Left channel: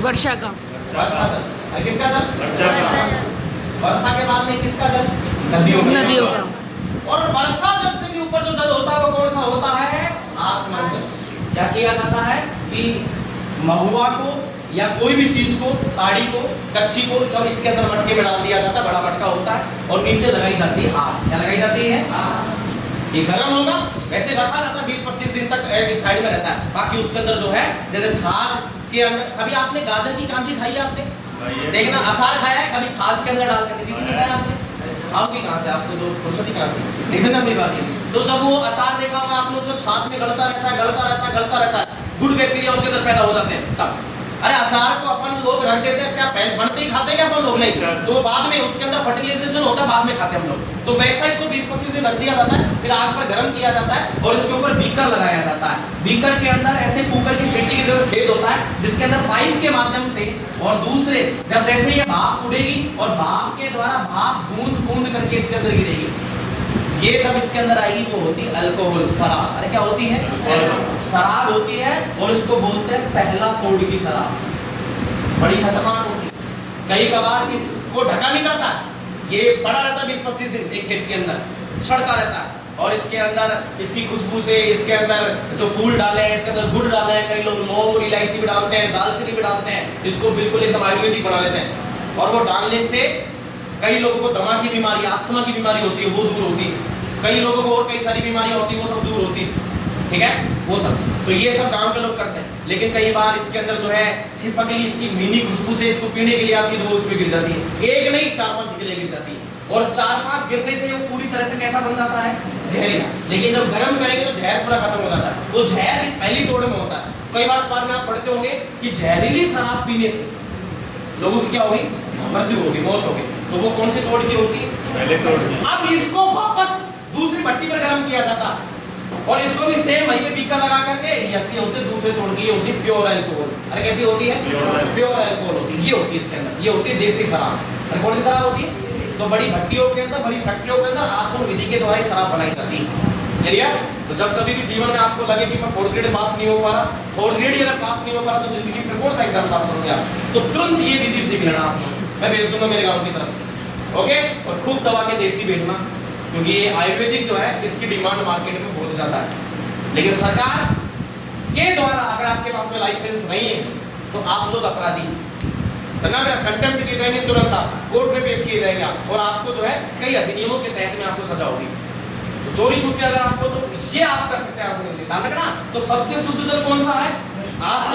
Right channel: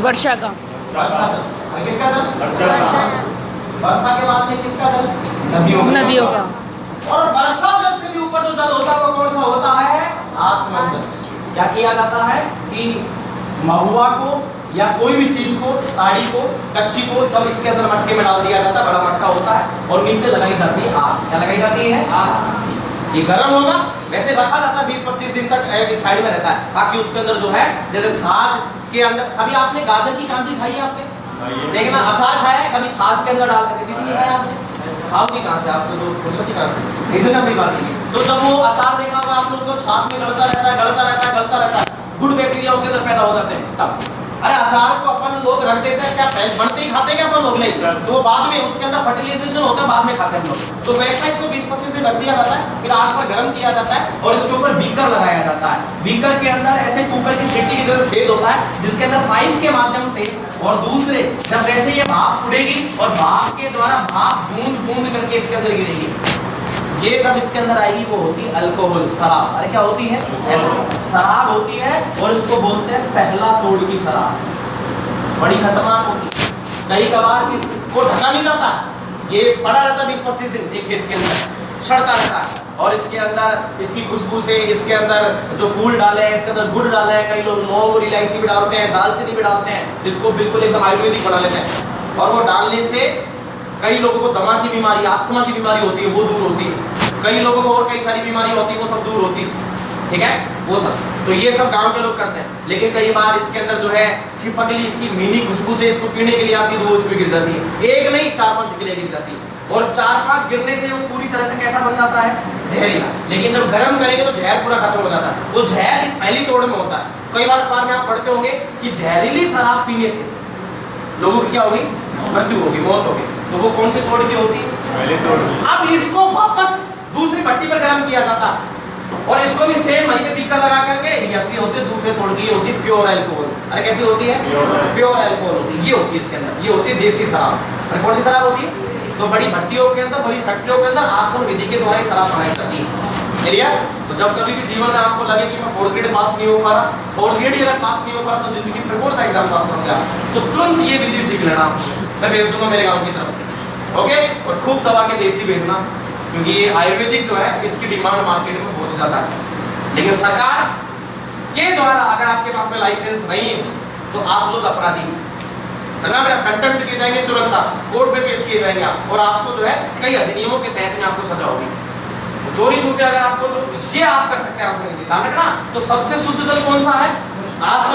वर्षा का। वर्षा जल। और किसका जल? वर्षा के बाद में किसका जल? नदियों का। और वर्षा जल से भी ऊपर जो जल होता है वो कौन सा होता है? आसमान जल। क्या किया जाता है कि महुआ को या कोई भी चीज को, ताड़ी को, कच्ची को जब इसके अंदर मटके में डाल दिया जाता है, बड़ा मटका होता है, और नीचे लगाई जाती है आग। क्या लगाई जाती है? आग। ये गर्म होगा, वैसे रखा जाता है 20-25 दिन तक एक साइड में रहता है, ताकि उसके अंदर जो है जैसे छाछ के अंदर। कभी आपने गाजर की कांची खाई है? आपने देखना, अचार खाया है कभी छाछ के अंदर डाल करके? दीदी ने खाया आपने? खाओगी कहाँ से? आपको तो फुर्सत ही कहाँ से? इसी में बात है। तो जब वो अचार देखा होगा आपने, उसको छाछ में गलता रहता है, गलता रहता है, गलता रहता है, गुड बैक्टीरिया उसके अंदर पैदा हो जाते हैं तब। अरे अचार को अपन लोग रख देते हैं, क्या बनते ही खाते हैं क्या अपन लोग? नहीं, तो बाद में उसके अंदर फर्टिलाइजेशन होता है, बाद में खाते हैं हम लोग। तो वैसा इसको 20-25 दिन रख दिया जाता है, फिर आग पर गर्म किया जाता है और इसके ऊपर बीकर लगाया जाता है। बीकर के अंदर ऐसे कुकर की सीटी की तरह छेद होता है, जिसके अंदर पाइप के माध्यम से और दूसरे जब जैसे ये भाप उड़ेगी और भाप के द्वारा भाप बूंद बूंद करके इसके अंदर गिरेगी, ये जब इसके अंदर आएगी वो होती है अल्कोहल, शराब। अरे क्या होती है? शराब होती है, और इसको बोलते हैं पहला तोड़ की शराब। बड़ी खतरनाक होती है। कई कबार इसको ढका नहीं जाता, ये पड़ा रहता 20-25 दिन एक खेत के अंदर, सड़ता रहता है, और इसके अंदर इसकी खुशबू से इसके अंदर जो फूल डाले हैं, इसके अंदर गुड़ डाले हैं, कई लोग लौंग और इलायची भी डालते हैं, दालचीनी भी डालते हैं, इसको बिल्कुल एकदम आयुर्वेदिक बना लेते हैं। और वो डालने से कई लोगों को दमा की बीमारी, अस्थमा की बीमारी होती है, वो दूर होती है। कई लोगों को और कई सारी बीमारी होती है, वो सब दूर होती है। ठीक है, वो सब। तो ये सब गांव के लोग करते हैं। लेकिन कई बार इसके अंदर जो है छिपकली इसकी मीठी खुशबू से इसको पीने के लिए आती है, तो वो इसमें गिर जाती है। एक नहीं 4-5 छिपकलियां गिर जाती है, और 4-5 गिरने से वो पूरी तरह से कैसा बन जाता है? जहरीला। लेकिन जब गर्म करेंगे तो जहर पूरा खत्म हो जाता है। वो जहर इस पहली तोड़ में होता है। कई बार अखबार में आप पढ़ते होंगे कि जहरीली शराब पीने से लोगों की क्या होगी? मृत्यु होगी, मौत होगी। तो वो कौन सी तोड़ की होती है? पहले तोड़। अब इसको वापस दूसरी भट्टी पर गर्म किया जाता, और इसको भी सेम वहीं पे बीकर लगा करके, ऐसी होती है दूसरे तोड़ की, होती है प्योर अल्कोहल। अरे कैसी होती है? प्योर अल्कोहल होती है। ये होती है इसके अंदर, ये होती है देसी शराब। अरे कौन सी शराब होती है? तो बड़ी भट्टियों के अंदर, बड़ी फैक्ट्रियों के अंदर आसवन विधि के द्वारा शराब बनाई जाती है। क्लियर? तो जब कभी भी जीवन में आपको लगे कि मैं 4th ग्रेड पास नहीं हो पा रहा, 4th ग्रेड ही अगर पास नहीं हो पा रहा, तो जिंदगी में कौन सा एग्जाम पास कर गया, तो तुरंत ये विधि सीख लेना। मैं भेज दूंगा मेरे गांव की तरफ, ओके? और खूब दवा के देसी भेजना, क्योंकि ये आयुर्वेदिक जो है इसकी डिमांड मार्केट में बहुत ज्यादा है। लेकिन सरकार के द्वारा अगर आपके पास में लाइसेंस नहीं है तो आप लोग अपराधी हैं। सरकार में कंटेम्प्ट किए जाएंगे, तुरंत आप कोर्ट में पेश किए जाएंगे आप, और आपको जो है कई अधिनियमों के तहत में आपको सजा होगी। चोरी छुपे अगर आपको, तो ये आप कर सकते हैं, आपको ध्यान रखना। तो सबसे शुद्ध जल कौन सा है?